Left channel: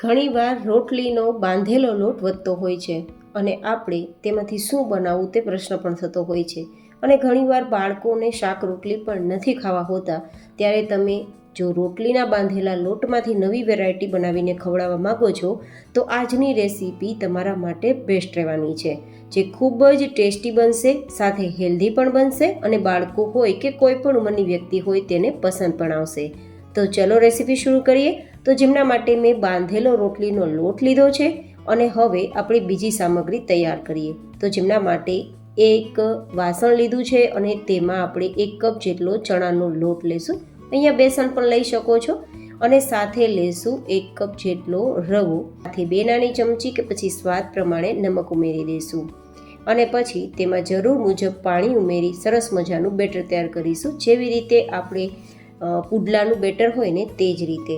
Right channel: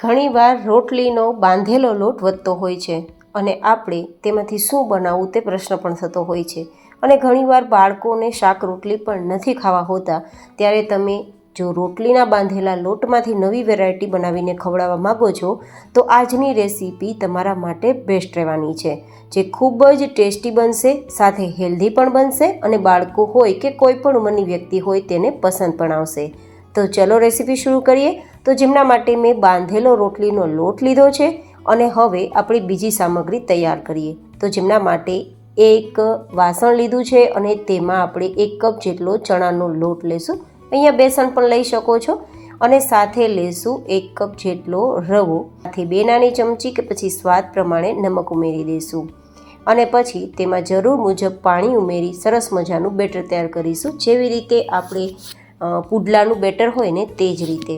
ઘણીવાર રોટલીનો બાંધેલો લોટ વધતો હોય છે અને આપણે તેમાંથી શું બનાવવું તે પ્રશ્ન પણ થતો હોય છે. અને ઘણીવાર બાળકોને શાક રોટલી પણ નથી ખાવા હોતા, ત્યારે તમે જો રોટલીના બાંધેલા લોટમાંથી નવી વેરાયટી બનાવીને ખવડાવવા માગો છો તો આજની રેસીપી તમારા માટે બેસ્ટ રહેવાની છે, જે ખૂબ જ ટેસ્ટી બનશે, સાથે હેલ્ધી પણ બનશે અને બાળકો હોય કે કોઈ પણ ઉંમરની વ્યક્તિ હોય તેને પસંદ પણ આવશે. તો ચલો રેસીપી શરૂ કરીએ. તો જેમના માટે મેં બાંધેલો રોટલીનો લોટ લીધો છે અને હવે આપણી બીજી સામગ્રી તૈયાર કરીએ. તો જેમના માટે એક વાસણ લીધું છે અને તેમાં આપણે 1 કપ જેટલો ચણાનો લોટ લેશું. અહીંયા બેસન પણ લઈ શકો છો. અને સાથે લેશું 1 કપ જેટલો રવો, સાથે 2 નાની ચમચી કે પછી સ્વાદ પ્રમાણે નમક ઉમેરી દઈશું. અને પછી તેમાં જરૂર મુજબ પાણી ઉમેરી સરસ મજાનું બેટર તૈયાર કરીશું, જેવી રીતે આપણે પુડલાનું બેટર હોય ને તે જ રીતે.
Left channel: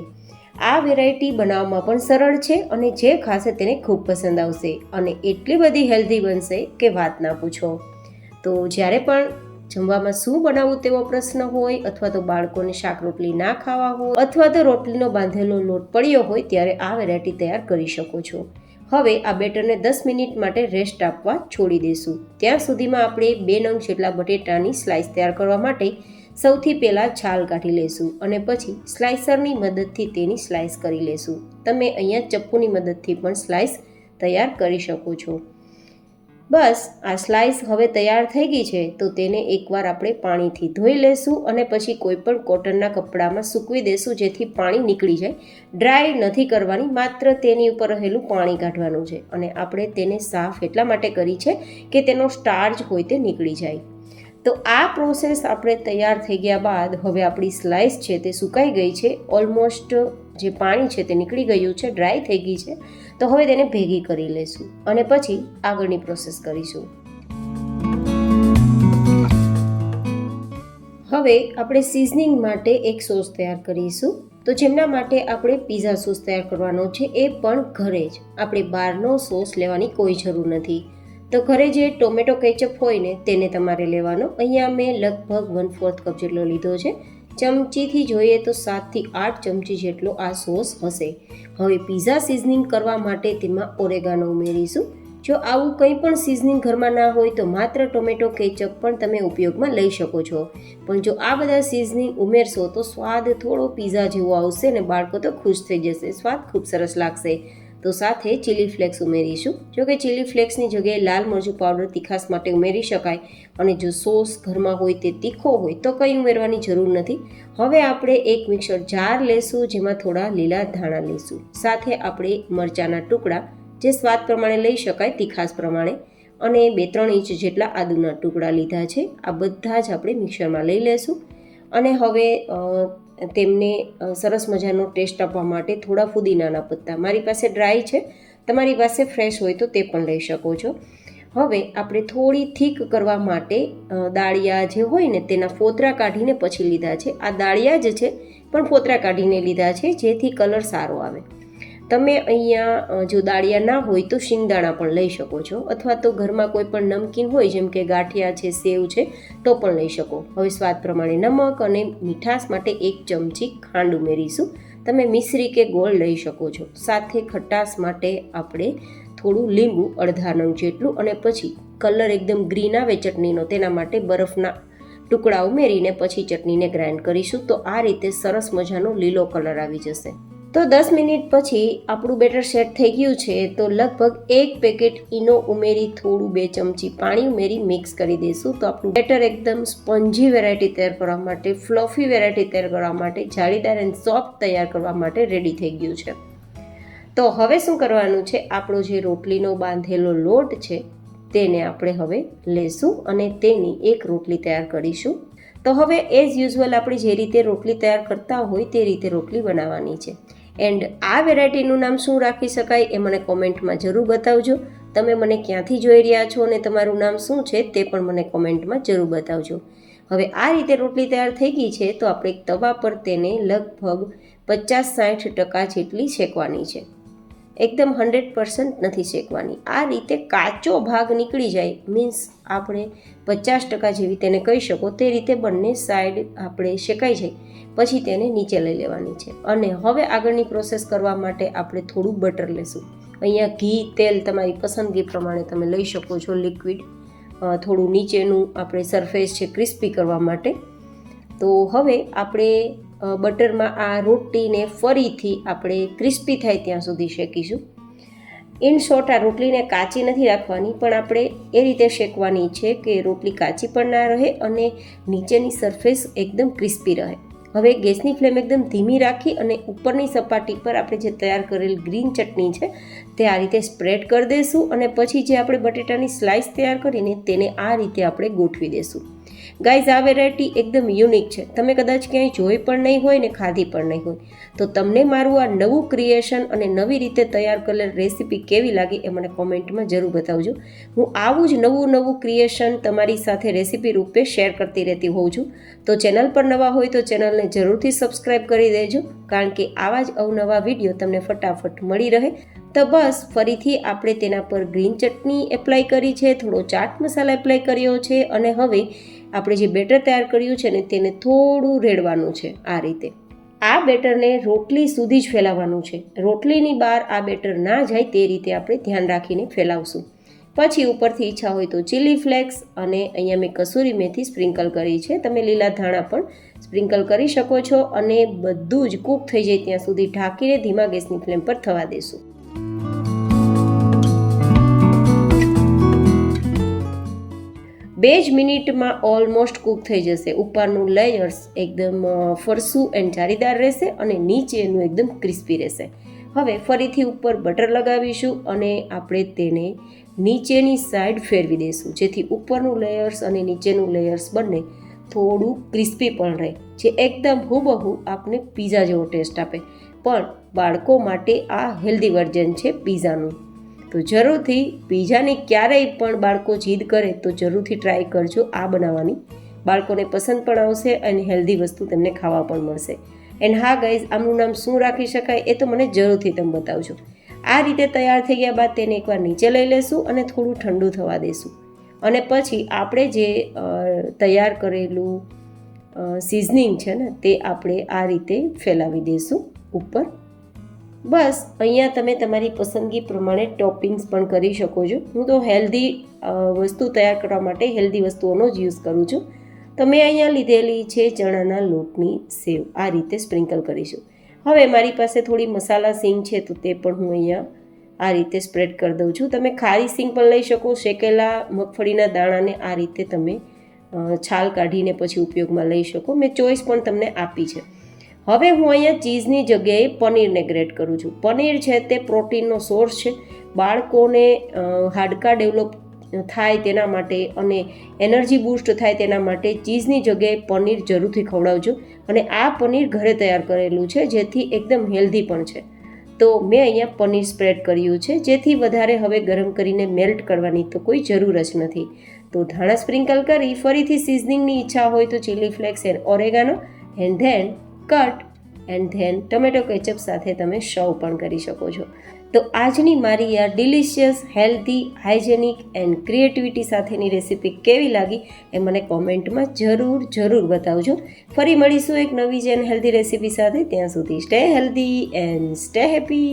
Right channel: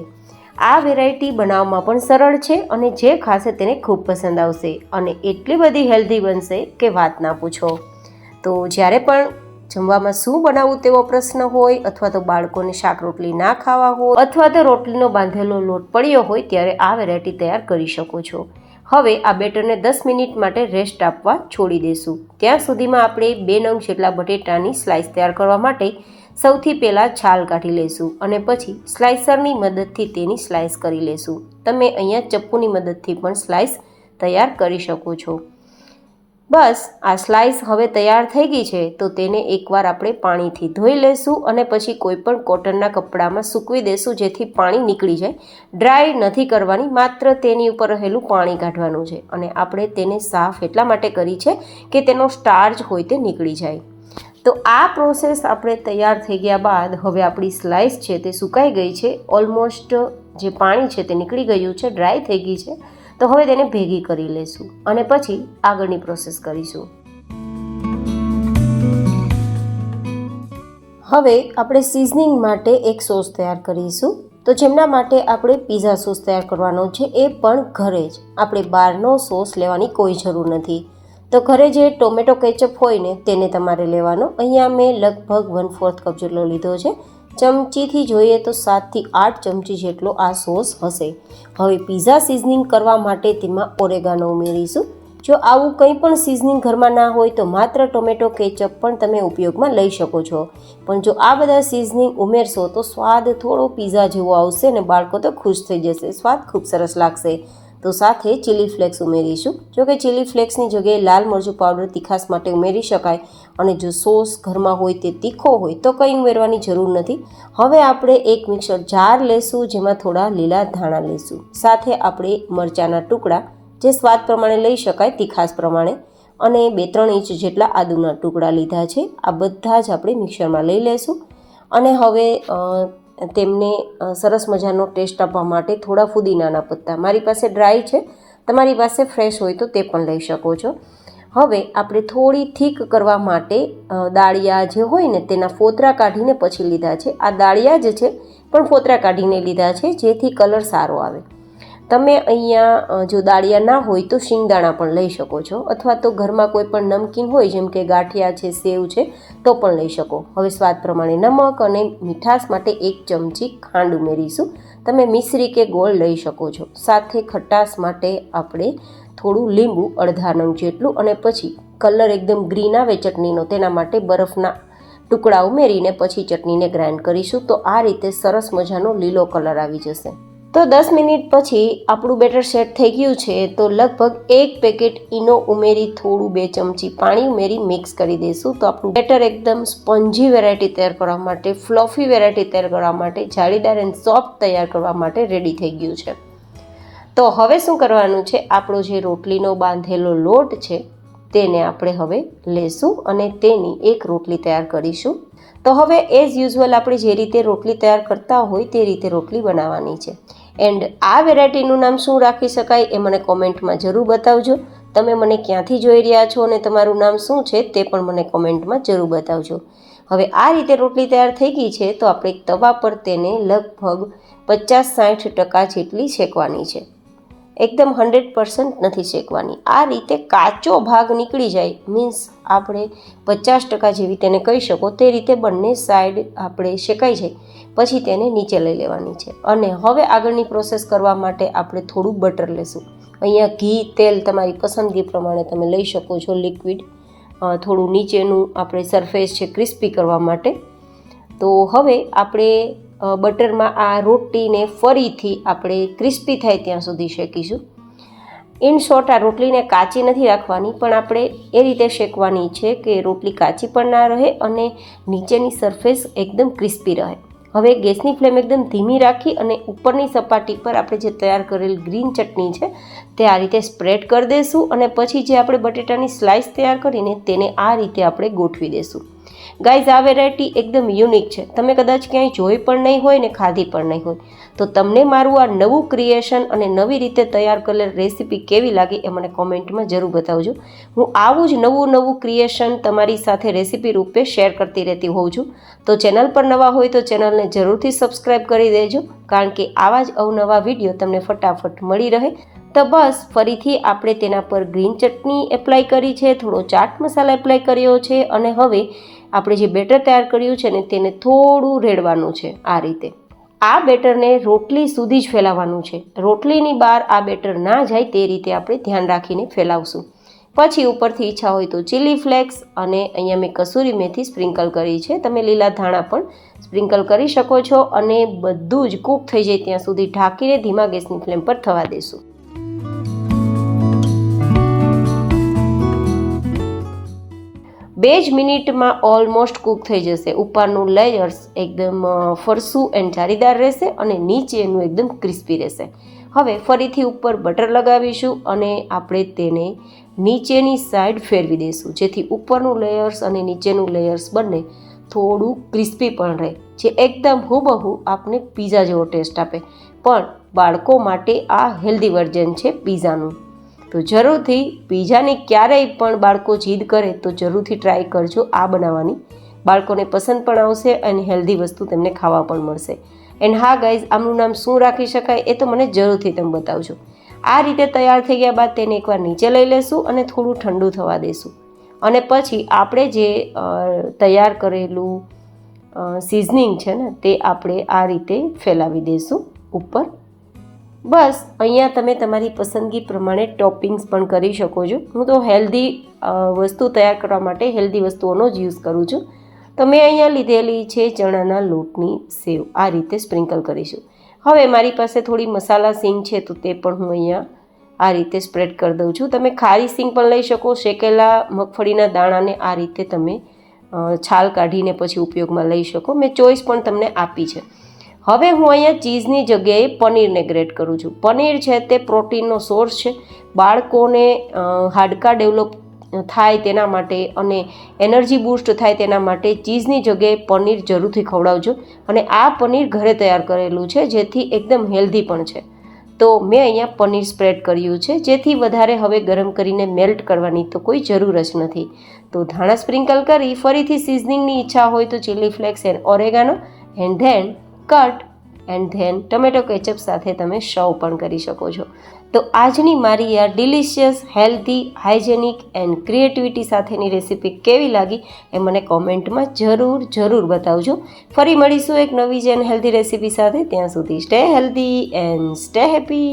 આ વેરાયટી બનાવવામાં પણ સરળ છે અને જે ખાશે તેને ખૂબ પસંદ આવશે અને એટલી બધી હેલ્ધી બનશે કે વાત ના પૂછો. તો જ્યારે પણ જમવામાં શું બનાવવું તેવો પ્રશ્ન હોય, અથવા તો બાળકોને શાક રોટલી ના ખાવા હોય, અથવા તો રોટલીનો બાંધેલો લોટ પડ્યો હોય, ત્યારે આ વેરાયટી તૈયાર કરી શકો છો. હવે આ બેટરને 10 મિનિટ માટે રેસ્ટ આપવા છોડી દઈશું. ત્યાં સુધીમાં આપણે 2 નંગ જેટલા બટેટાની સ્લાઇસ તૈયાર કરવા માટે સૌથી પહેલાં છાલ કાઢી લઈશું અને પછી સ્લાઇસરની મદદથી તેની સ્લાઇસ કરી લઈશું. તમે અહીંયા ચપ્પુની મદદથી પણ સ્લાઇસ તૈયાર કરી શકો છો. બસ આ સ્લાઇસ હવે તૈયાર થઈ ગઈ છે, તો તેને એકવાર આપણે પાણીથી ધોઈ લઈશું અને પછી કોઈ પણ કોટનના કપડામાં સૂકવી દઈશું, જેથી પાણી નીકળી જાય. ડ્રાય નથી કરવાની, માત્ર તેની ઉપર રહેલું પાણી કાઢવાનું છે. અને આપણે તેને સાફ એટલા માટે કરી છે કે તેનો સ્ટાર્ચ હોય તે નીકળી જાય. તો આ પ્રોસેસ આપણે તૈયાર થઈ ગયા બાદ હવે આપણી સ્લાઇસ છે તે સુકાઈ ગઈ છે. ઓલમોસ્ટ જે પાણી છે તે નીકળી ગયું છે, ડ્રાય થઈ ગઈ છે. તો હવે તેને ભેગી કરી લઈશું અને પછી આગળની પ્રોસેસ કરીશું. હવે આપણે સિઝનિંગ માટે એક સોસ તૈયાર કરીશું. તો જેમના માટે આપણે પિઝા સોસ તૈયાર કરવાનો છે, એ પણ ઘરે જ. આપણે બહારનો સોસ લેવાની કોઈ જરૂર નથી. તો ઘરે જે ટોમેટો કેચઅપ હોય ને તેને તમારે લેવાનો. અહીંયા મેં લગભગ 1/4 કપ જેટલો લીધો છે. ચમચીથી જોઈએ તો 7 થી 8 ચમચી જેટલો આ સોસ હશે. હવે પિઝા સિઝનિંગ કરવા માટે તેમાં ઓરેગાનો ઉમેરીશું. જો આવું કંઈ પણ સિઝનિંગ ઘરમાં ના હોય તો માત્ર ટોમેટો કેચઅપ પણ તમે ઉપયોગમાં લઈ શકો છો. પણ જો આ બધા સિઝનિંગ ઉમેરશો તો સ્વાદ થોડો પિઝા જેવો આવશે અને બાળકો તો ખુશ થઈ જશે. સ્વાદ ખૂબ સરસ લાગશે. તો સાથે ચીલી ફ્લેક્સ ઉમેરીશું. જો કે ચીલી ફ્લેક્સની જગ્યાએ લાલ મરચું પાવડર તીખાશ માટે ઉમેરી શકાય. અને જો સોસ ઘરમાં હોય તે તીખો હોય તો કંઈ ઉમેરવાની જરૂર નથી. હવે આપણે એક મિક્સર જાર લેશું, જેમાં થોડા લીલા ધાણા લેશું. સાથે આપણે મરચાંના ટુકડા, જે સ્વાદ પ્રમાણે લઈ શકાય, તીખાશ પ્રમાણે, અને 2-3 ઇંચ જેટલા આદુના ટુકડા લીધા છે. આ બધા જ આપણે મિક્સરમાં લઈ લેશું. અને હવે તેમને સરસ મજાનો ટેસ્ટ આપવા માટે થોડા ફુદીનાના પત્તા, મારી પાસે ડ્રાય છે, તમારી પાસે ફ્રેશ હોય તો તે પણ લઈ શકો છો. હવે આપણે થોડી થીક કરવા માટે દાળિયા જે હોય ને તેના ફોતરા કાઢીને પછી લીધા છે. આ દાળિયા જ છે પણ ફોતરા કાઢીને લીધા છે, જેથી કલર સારો આવે. તમે અહીંયા જો દાળિયા ના હોય તો શિંગદાણા પણ લઈ શકો છો, અથવા તો ઘરમાં કોઈ પણ નમકીન હોય, જેમ કે ગાંઠિયા છે, સેવ છે, તો પણ લઈ શકો. હવે સ્વાદ પ્રમાણે નમક અને મીઠાશ માટે 1 ચમચી ખાંડ ઉમેરીશું. તમે મિશ્રી કે ગોળ લઈ શકો છો. સાથે ખટાશ માટે આપણે થોડું લીંબુ, અડધા નંગ જેટલું, અને પછી કલર એકદમ ગ્રીન આવે ચટણીનો, તેના માટે બરફના ટુકડા ઉમેરીને પછી ચટણીને ગ્રાઇન્ડ કરીશું. તો આ રીતે સરસ મજાનો લીલો કલર આવી જશે. તો 10 મિનિટ પછી આપણું બેટર સેટ થઈ ગયું છે. તો લગભગ 1 પેકેટ ઈનો ઉમેરી થોડું 2 ચમચી પાણી ઉમેરી મિક્સ કરી દઈશું. તો આપણું બેટર એકદમ સ્પોન્જી વેરાયટી તૈયાર કરવા માટે, ફ્લફી વેરાયટી તૈયાર કરવા માટે, જાળીદાર એન્ડ સોફ્ટ તૈયાર કરવા માટે રેડી થઈ ગયું છે. તો હવે શું કરવાનું છે, આપણો જે રોટલીનો બાંધેલો લોટ છે તેને આપણે હવે લેશું અને તેની એક રોટલી તૈયાર કરીશું. તો હવે એઝ યુઝ્યુઅલ આપણે જે રીતે રોટલી તૈયાર કરતા હોય તે રીતે રોટલી બનાવવાની છે. એન્ડ આ વેરાયટીનું નામ શું રાખી શકાય એ મને કોમેન્ટમાં જરૂર બતાવજો. તમે મને ક્યાંથી જોઈ રહ્યા છો અને તમારું નામ શું છે તે પણ મને કોમેન્ટમાં જરૂર બતાવજો. હવે આ રીતે રોટલી તૈયાર થઈ ગઈ છે. તો આપણે તવા પર તેને લગભગ 50-60% જેટલી શેકવાની છે. એકદમ 100% નથી શેકવાની. આ રીતે કાચો ભાગ નીકળી જાય, મીન્સ આપણે 50% જેવી તેને કહી શકો, તે રીતે બંને સાઈડ આપણે શેકાઈ જાય પછી તેને નીચે લઈ લેવાની છે. અને હવે આગળની પ્રોસેસ કરવા માટે આપણે થોડું બટર લેશું. અહીંયા ઘી, તેલ તમારી પસંદગી પ્રમાણે તમે લઈ શકો છો, લિક્વિડ. થોડું નીચેનું આપણે સરફેસ છે ક્રિસ્પી કરવા માટે. તો હવે આપણે બટરમાં આ રોટલીને ફરીથી આપણે ક્રિસ્પી થાય ત્યાં સુધી શેકીશું. ઇન શોર્ટ, આ રોટલીને કાચી નથી રાખવાની, પણ આપણે એ રીતે શેકવાની છે કે રોટલી કાચી પણ ના રહે અને નીચેની સરફેસ એકદમ ક્રિસ્પી રહે. હવે ગેસની ફ્લેમ એકદમ ધીમી રાખી અને ઉપરની સપાટી પર આપણે જે તૈયાર કરેલ ગ્રીન ચટણી છે તે આ રીતે સ્પ્રેડ કરી દઈશું. અને પછી જે આપણે બટેટાની સ્લાઇસ તૈયાર કરીને તેને આ રીતે આપણે ગોઠવી દઈશું. ગાઈઝ, આ વેરાયટી એકદમ યુનિક છે. તમે કદાચ ક્યાંય જોઈ પણ નહીં હોય ને ખાધી પણ નહીં હોય. તો તમને મારું આ નવું ક્રિએશન અને નવી રીતે તૈયાર કરેલ રેસીપી કેવી લાગી એ મને કોમેન્ટમાં જરૂર બતાવજો. હું આવું જ નવું ક્રિએશન તમારી સાથે રેસીપી રૂપે શેર કરતી રહેતી હોઉં છું. તો ચેનલ પર નવા હોય તો ચેનલને જરૂરથી સબસ્ક્રાઈબ કરી દેજો, કારણ કે આવા જ અવનવા વિડીયો તમને ફટાફટ મળી રહે. તો બસ ફરીથી આપણે તેના પર ગ્રીન ચટણી એપ્લાય કરી છે, થોડો ચાટ મસાલા એપ્લાય કર્યો છે અને હવે આપણે જે બેટર તૈયાર કર્યું છે ને તેને થોડું રેડવાનું છે. આ રીતે આ બેટરને રોટલી સુધી જ ફેલાવવાનું છે. રોટલીની બહાર આ બેટર ના જાય તે રીતે આપણે ધ્યાન રાખીને ફેલાવશું. પછી ઉપરથી ઈચ્છા હોય તો ચીલી ફ્લેક્સ અને અહીંયા મેં કસૂરી મેથી સ્પ્રિંકલ કરી છે. તમે લીલા ધાણા પણ સ્પ્રિંકલ કરી શકો છો. અને બધું જ કૂક થઈ જાય ત્યાં સુધી ઢાંકીને ધીમા ગેસની ફ્લેમ પર થવા દેશું. 2 જ મિનિટમાં ઓલમોસ્ટ કૂક થઈ જશે. ઉપરનું લેયર્સ એકદમ ફરસું એન્ડ જાળીદાર રહેશે અને નીચેનું એકદમ ક્રિસ્પી રહેશે. હવે ફરીથી ઉપર બટર લગાવીશું અને આપણે તેને નીચેની સાઈડ ફેરવી દઈશું, જેથી ઉપરનું લેયર્સ અને નીચેનું લેયર્સ બંને થોડું ક્રિસ્પી પણ રહે, જે એકદમ હુબહુ આપને પીઝા જેવો ટેસ્ટ આપે. પણ બાળકો માટે આ હેલ્ધી વર્ઝન છે પીઝાનું. તો જરૂરથી પીઝાની ક્યારેય પણ બાળકો જીદ કરે તો જરૂરથી ટ્રાય કરજો આ બનાવવાની. બાળકોને પસંદ પણ આવશે અને હેલ્ધી વસ્તુ તેમને ખાવા પણ મળશે. એન્ડ હા ગાઈઝ, આમનું નામ શું રાખી શકાય એ તો મને જરૂરથી તમે બતાવજો. આ રીતે તૈયાર થઈ ગયા બાદ તેને એકવાર નીચે લઈ લેશું અને થોડું ઠંડુ થવા દેશું. અને પછી આપણે જે તૈયાર કરેલું સિઝનિંગ છે ને તે આપણે આ રીતે ફેલાવી દઈશું ઉપર. બસ અહીંયા તમે તમારી પસંદગી પ્રમાણે ટોપિંગ્સ પણ કરી શકો છો. હું તો હેલ્ધી વસ્તુ તૈયાર કરવા માટે હેલ્ધી વસ્તુઓનો જ યુઝ કરું છું. તો મેં અહીંયા લીધેલી છે ચણાના લોટની સેવ. આ રીતે સ્પ્રિંકલ કરીશું. હવે મારી પાસે થોડી મસાલા સિંગ છે તો તે પણ હું અહીંયા આ રીતે સ્પ્રેડ કરી દઉં છું. તમે ખારી સિંગ પણ લઈ શકો. શેકેલા મગફળીના દાણાને આ રીતે તમે છાલ કાઢીને પછી ઉપયોગમાં લઈ શકો. મેં ચોઈસ પણ તમને આપી છે. હવે હું અહીંયા ચીઝની જગ્યાએ પનીરને ગ્રેટ કરું છું. પનીર છે તે પ્રોટીનનો સોર્સ છે. બાળકોને હાડકાં ડેવલપ થાય તેના માટે અને એનર્જી બૂસ્ટ થાય તેના માટે ચીઝની જગ્યાએ પનીર જરૂરથી ખવડાવજો. અને આ પનીર ઘરે તૈયાર કરેલું છે, જેથી એકદમ હેલ્ધી પણ છે. તો મેં અહીંયા પનીર સ્પ્રેડ કર્યું છે, જેથી વધારે હવે ગરમ કરીને મેલ્ટ કરવાની તો કોઈ જરૂર જ નથી. તો ધાણા સ્પ્રિંકલ કરી ફરીથી સિઝનિંગની ઈચ્છા હોય તો chilli flakes and oregano and then cut and then tomato ketchup સાથે તમે સર્વ પણ કરી શકો છો. તો આજની મારી આ delicious, healthy, hygienic and creativity સાથેની રેસીપી કેવી લાગી એ મને કોમેન્ટમાં જરૂર બતાવજો. ફરી મળીશું એક નવી જ એન્ડ હેલ્ધી રેસીપી સાથે. ત્યાં સુધી stay healthy and stay happy.